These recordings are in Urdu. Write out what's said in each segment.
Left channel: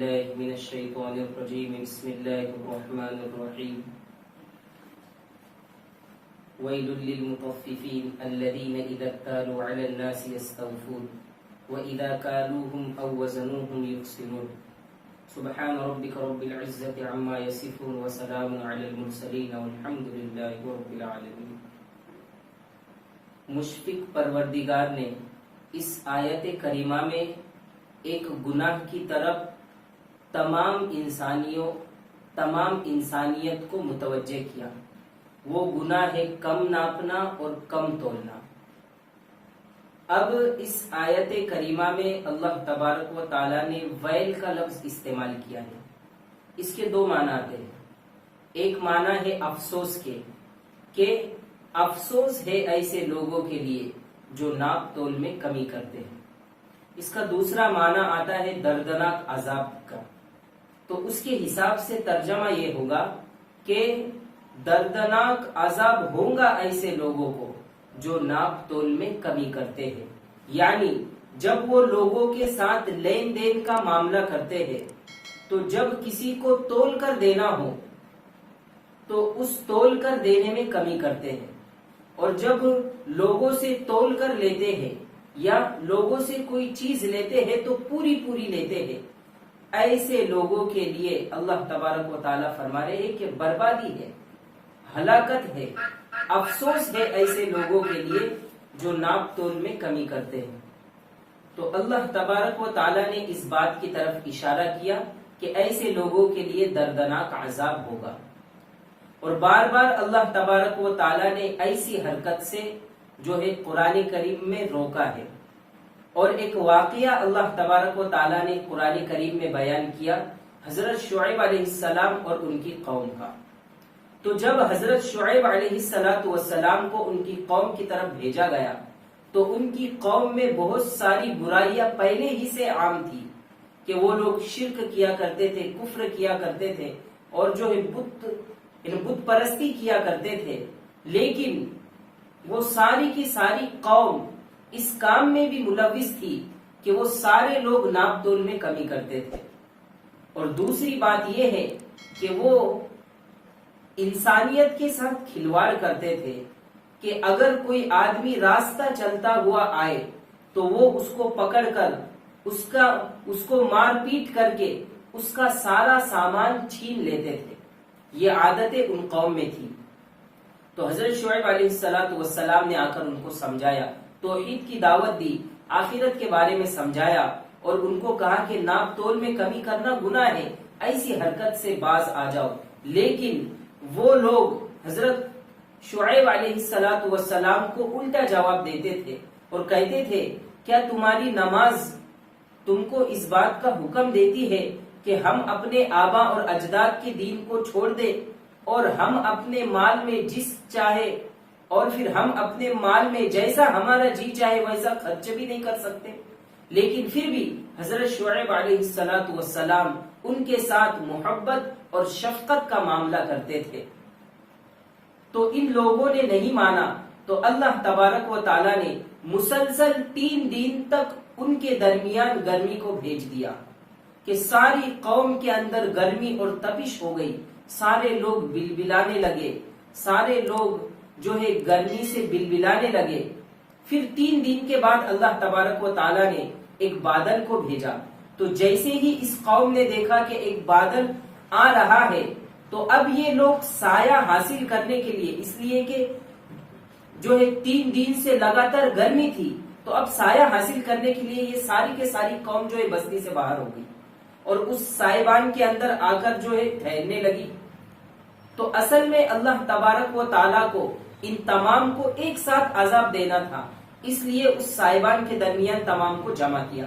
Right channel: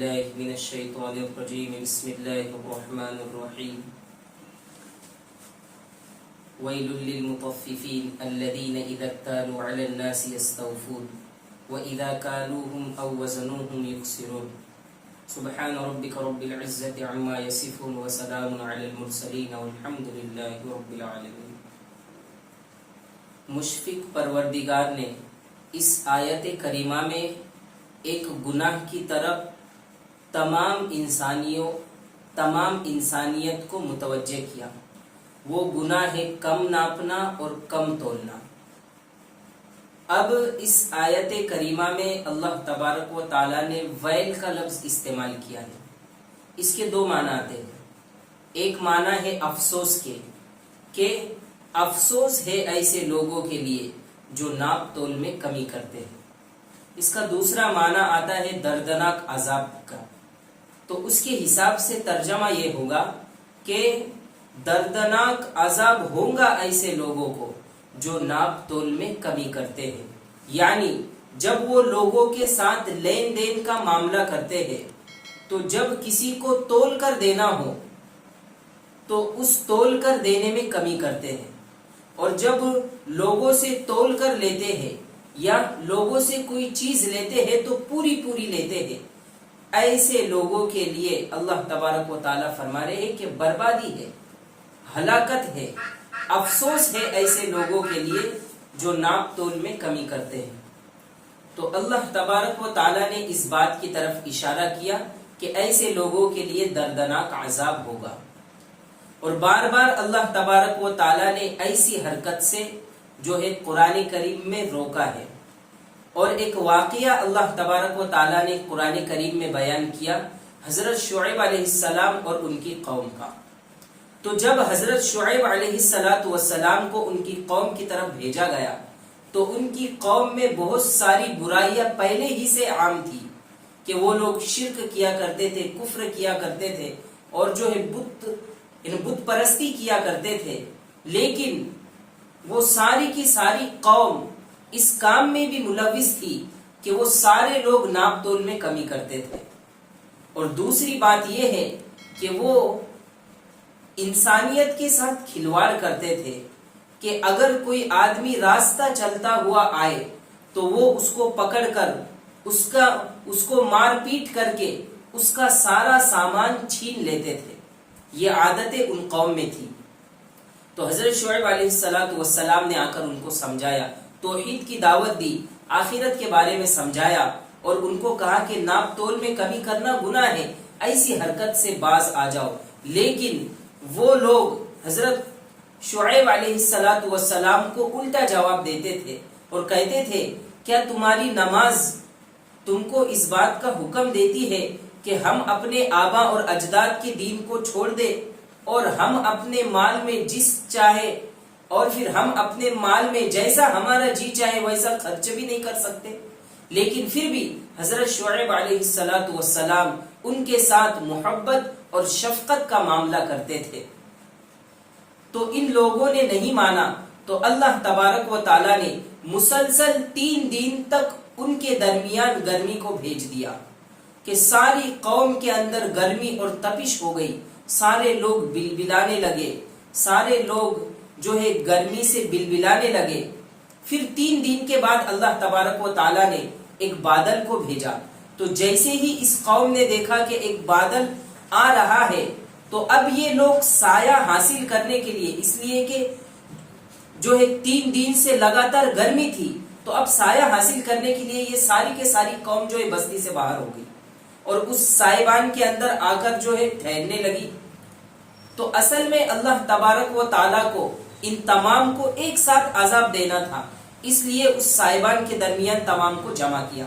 بالله من الشيطان الرجيم بسم الله الرحمن الرحيم ويل للمطففين الذين إذا اكتالوا على الناس يستوفون وإذا كالوهم أو وزنوهم يخسرون سبحان ربك رب العزة عما يصفون وسلام على المرسلين والحمد لله رب العالمين۔ مشفق پروردگار نے اس آیت کریمہ میں ایک گناہ کی طرف تمام انسانیت کو متوجہ کیا۔ وہ گناہ ہے کم ناپنا اور کم تولنا۔ اب اس آیت کریمہ میں اللہ تبارک و تعالی نے ویل کا لفظ استعمال کیا ہے۔ اس کے دو معنی آتے ہیں۔ ایک معنی ہے افسوس کے، کہ افسوس ہے ایسے لوگوں کے لیے جو ناپ تول میں کمی کرتے ہیں۔ اس کا دوسرا معنی آتا ہے دردناک عذاب کا۔ تو اس کے حساب سے ترجمہ یہ ہوگا کہ دردناک عذاب ہوگا ایسے لوگوں کو جو ناپ تول میں کمی کرتے ہیں۔ یعنی جب وہ لوگوں کے ساتھ لین دین کا معاملہ کرتے ہیں تو جب کسی کو تول کر دینا ہو تو اس تول کر دینے میں کمی کرتے ہیں، اور جب لوگوں سے تول کر لیتے ہیں یا لوگوں سے کوئی چیز لیتے ہیں تو پوری لیتے ہیں۔ ایسے لوگوں کے لیے اللہ تبارک و تعالیٰ فرما رہے ہیں کہ بربادی ہے، ہلاکت ہے، افسوس ہے ایسے لوگوں کے لیے جو ناپ تول میں کمی کرتے ہیں۔ تو اللہ تبارک و تعالیٰ نے اس بات کی طرف اشارہ کیا کہ ایسے لوگوں کے لیے دردناک عذاب ہوگا، اور بار بار اللہ تبارک و تعالیٰ نے ایسی حرکت سے جو ہے قرآن کریم میں روکا ہے۔ اور ایک واقعہ اللہ تبارک و تعالیٰ نے قرآن کریم میں بیان کیا حضرت شعیب علیہ السلام اور ان کی قوم کا۔ تو جب حضرت شعیب علیہ السلام کو ان کی قوم کی طرف بھیجا گیا تو ان کی قوم میں بہت ساری برائیاں پہلے ہی سے عام تھی، کہ وہ لوگ شرک کیا کرتے تھے، کفر کیا کرتے تھے، اور جو ہے بت پرستی کیا کرتے تھے۔ لیکن وہ ساری کی ساری قوم اس کام میں بھی ملوث تھی کہ وہ سارے لوگ ناپ تول میں کمی کرتے تھے۔ اور دوسری بات یہ ہے کہ وہ انسانیت کے ساتھ کھلواڑ کرتے تھے، کہ اگر کوئی آدمی راستہ چلتا ہوا آئے تو وہ اس کو پکڑ کر اس کو مار پیٹ کر کے اس کا سارا سامان چھین لیتے تھے۔ یہ عادتیں ان قوم میں تھی۔ تو حضرت شعیب علیہ السلام نے آ کر ان کو سمجھایا، توحید کی دعوت دی، آخرت کے بارے میں سمجھایا، اور ان کو کہا کہ ناپ تول میں کمی کرنا گناہ ہے، ایسی حرکت سے باز آ جاؤ۔ لیکن وہ لوگ حضرت شعیب علیہ السلام کو الٹا جواب دیتے تھے اور کہتے تھے، کیا تمہاری نماز تم کو اس بات کا حکم دیتی ہے کہ ہم اپنے آبا اور اجداد کے دین کو چھوڑ دیں، اور ہم اپنے مال میں ہم اپنے مال میں جیسا ہمارا جی چاہے ویسا خرچ بھی نہیں کر سکتے؟ لیکن پھر بھی حضرت شعیب علیہ السلام ان کے ساتھ محبت اور شفقت کا معاملہ کرتے تھے۔ تو ان لوگوں نے نہیں مانا، تو اللہ تبارک و تعالیٰ نے مسلسل 3 دن تک ان کے درمیان گرمی کو بھیج دیا، کہ ساری قوم کے اندر گرمی اور تپش ہو گئی، سارے لوگ بلبلانے لگے، سارے لوگ جو ہے گرمی سے بلبلانے لگے۔ پھر 3 دن کے بعد اللہ تبارک و تعالیٰ نے ایک بادل کو بھیجا۔ تو جیسے ہی اس قوم نے دیکھا کہ ایک بادل آ رہا ہے تو اب یہ لوگ سایہ حاصل کرنے کے لیے، اس لیے کہ جو ہے 3 دن سے لگاتار گرمی تھی، تو اب سایہ حاصل کرنے کے لیے یہ ساری کے ساری قوم جو ہے بستی سے باہر ہو گئی اور اس سائبان کے اندر آ کر جو ہے ٹھہرنے لگی۔ تو اصل میں اللہ تبارک و تعالیٰ کو ان تمام کو ایک ساتھ عذاب دینا تھا، اس لیے اس سائبان کے درمیان تمام کو جمع کیا۔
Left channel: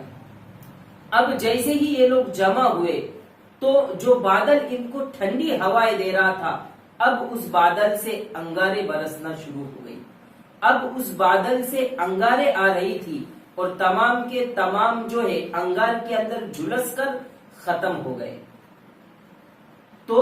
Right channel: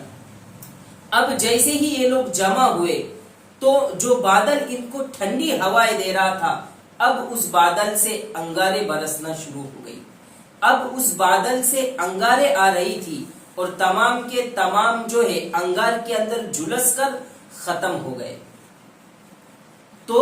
اب جیسے ہی یہ لوگ جمع ہوئے تو جو بادل ان کو ٹھنڈی ہوائیں دے رہا تھا، اب اس بادل سے انگارے برسنا شروع ہو گئی۔ اب اس بادل سے انگارے آ رہی تھی اور تمام کے تمام جو ہے انگار کے اندر جھلس کر ختم ہو گئے۔ تو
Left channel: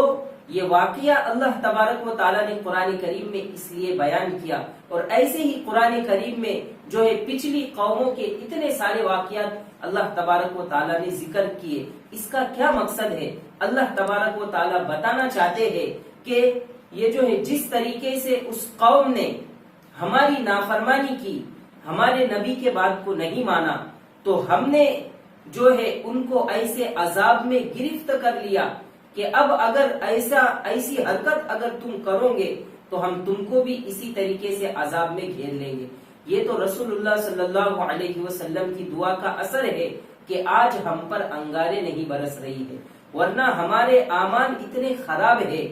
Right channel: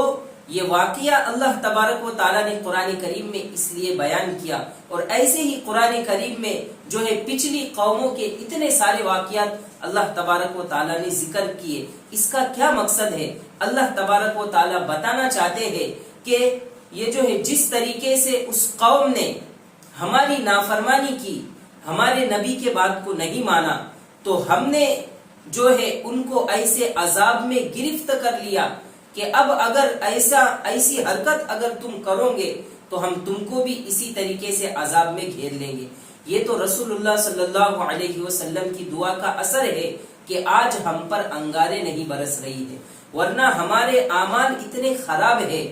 یہ واقعہ اللہ تبارک و تعالیٰ نے قرآن کریم میں اس لیے بیان کیا، اور ایسے ہی قرآن کریم میں جو ہے پچھلی قوموں کے اتنے سارے واقعات اللہ تبارک و تعالیٰ نے ذکر کیے، اس کا کیا مقصد ہے؟ اللہ تبارک و تعالیٰ بتانا چاہتے ہیں کہ یہ جو ہے جس طریقے سے اس قوم نے ہماری نافرمانی کی، ہمارے نبی کے بات کو نہیں مانا، تو ہم نے جو ہے ان کو ایسے عذاب میں گرفت کر لیا کہ اب اگر ایسی حرکت اگر تم کرو گے تو ہم تم کو بھی اسی طریقے سے عذاب میں گھیر لیں گے۔ یہ تو رسول اللہ صلی اللہ علیہ وسلم کی دعا کا اثر ہے کہ آج ہم پر انگارے نہیں برس رہی ہے، ورنہ ہمارے اعمال اتنے خراب ہے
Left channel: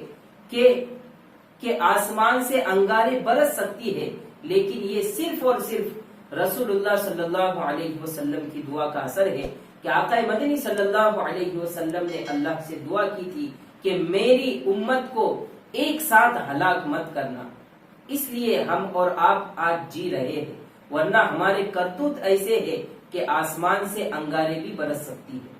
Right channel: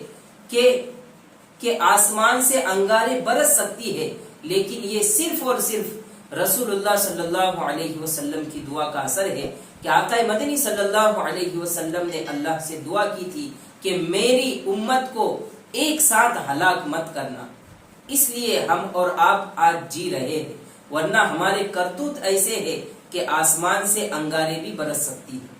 کہ آسمان سے انگارے برس سکتی ہے، لیکن یہ صرف اور صرف رسول اللہ صلی اللہ علیہ وسلم کی دعا کا اثر ہے کہ آقا مدنی صلی اللہ علیہ وسلم نے اللہ سے دعا کی تھی کہ میری امت کو ایک ساتھ ہلاک مت کرنا، اس لیے ہم اور آپ آج جی رہے ہیں، ورنہ ہمارے کرتوت ایسے ہیں کہ آسمان سے انگارے بھی برس سکتی ہے۔